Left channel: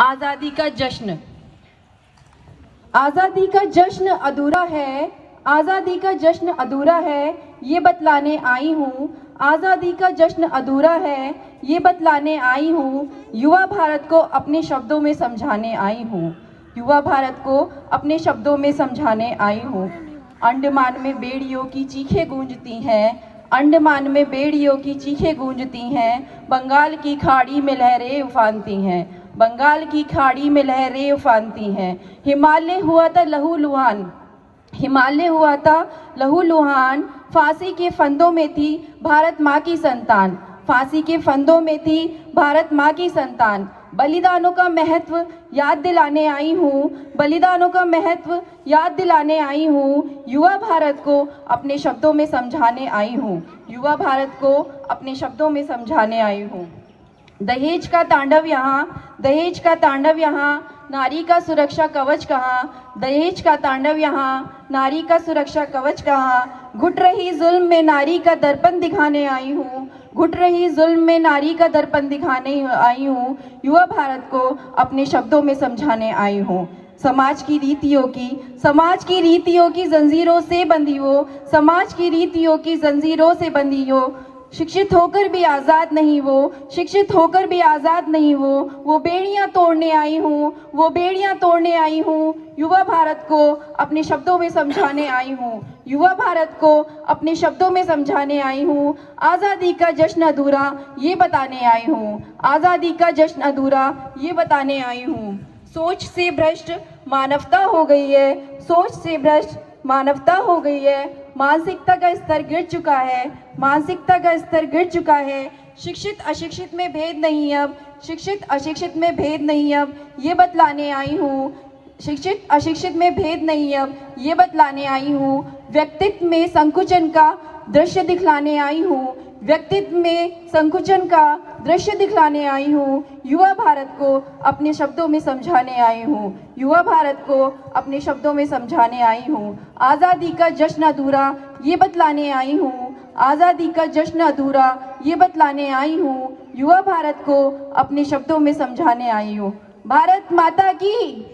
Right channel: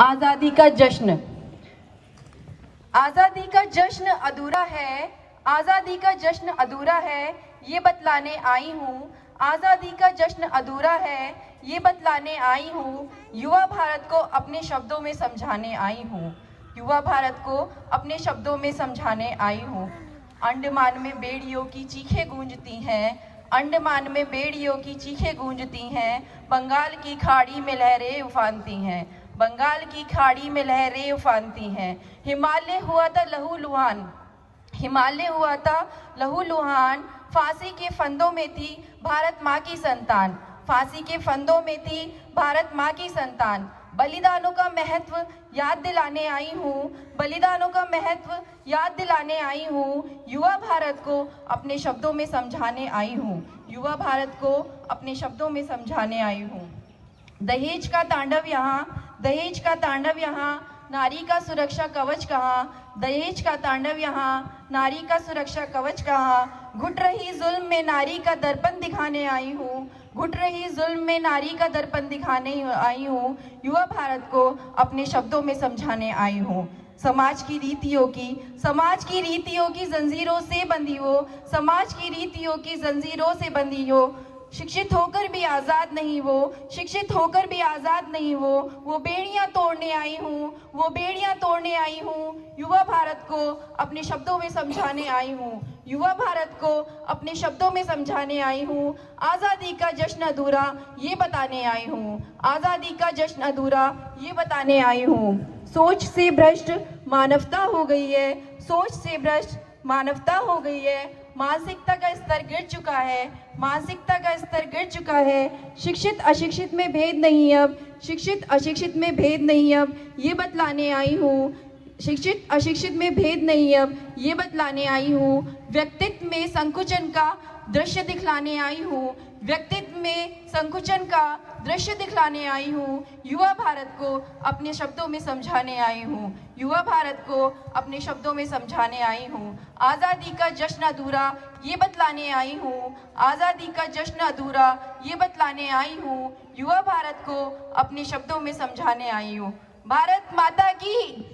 आज़ादी का जश्न। आज़ादी का जश्न अधूरा है, आज़ादी का जश्न अधूरा है, ये बतलाने आई हूँ। आज़ादी का जश्न अधूरा है, ये बतलाने आई हूँ। युवा भारत को अपने शब्दों में समझाने आई हूँ। युवा भारत को अपने शब्दों में समझाने आई हूँ। अंडमान में बेड़ियों की चीखें गूंजती हैं, अंडमान में बेड़ियों की चीखें गूंजती हैं। बंगाल की खाड़ी में लहरें उफानती हैं, बंगाल की खाड़ी में लहरें उफानती हैं। हिमालय हुआ था लहूलुहान, हिमालय हुआ था लहूलुहान। फांसी के फंदों में थी भारत माँ की संतान, फांसी के फंदों में थी भारत माँ की संतान। बलिदानों का महत्व याद दिलाने आई हूँ, बलिदानों का महत्व याद दिलाने आई हूँ। युवा भारत को अपने शब्दों में समझाने आई हूँ, युवा भारत को अपने शब्दों में समझाने आई हूँ। दहेज का तांडव यहाँ, दहेज का तांडव यहाँ, नारी का सुरक्षा कवच कहाँ। दहेज का तांडव यहाँ, नारी का सुरक्षा कवच कहाँ। घुट रही जुल्म में नारी का दर्पण दिखाने आई हूँ, घुट रही जुल्म में नारी का दर्पण दिखाने आई हूँ। युवा भारत को अपने शब्दों में समझाने आई हूँ। समाज की रीतियों की, समाज की रीतियों की जंजीरों से बंधी हो, समाज की रीतियों की जंजीरों से बंधी हो। शिक्षित होकर भी आज़ाद नहीं वो, शिक्षित होकर भी आज़ाद नहीं वो बेड़ियां तोड़ने आई हूँ, वो बेड़ियां तोड़ने आई हूँ। युवा भारत को अपने शब्दों में समझाने आई हूँ, युवा भारत को अपने शब्दों में समझाने आई हूँ। आज़ादी का जश्न अधूरा ये बताने आई हूँ, आज़ादी का जश्न अधूरा ये बताने आई हूँ। सोच से भ्रष्ट मानवता हो गई है, सोच से भ्रष्ट मानवता हो गई है। मानसिकता का स्तर गिर चुका है, मानसिकता का स्तर गिर चुका है। शिक्षित अशिक्षित में भेद नहीं अब, शिक्षित अशिक्षित में भेद नहीं अब, ये बतलाने आई हूँ। शिक्षित अशिक्षित में भेद नहीं अब, ये बतलाने आई हूँ। व्यक्तित्व में संकुचन का दृश्य दिखलाने आई हूँ, व्यक्तित्व में संकुचन का दृश्य दिखलाने आई हूँ। युवा भारत को अपने शब्दों में समझाने आई हूँ, युवा भारत को अपने शब्दों में समझाने आई हूँ। आज़ादी का जश्न अधूरा ये बतलाने आई हूँ, आज़ादी का जश्न अधूरा ये बतलाने आई हूँ। युवा भारत को अपने शब्दों में समझाने आई हूँ। भारत माता की।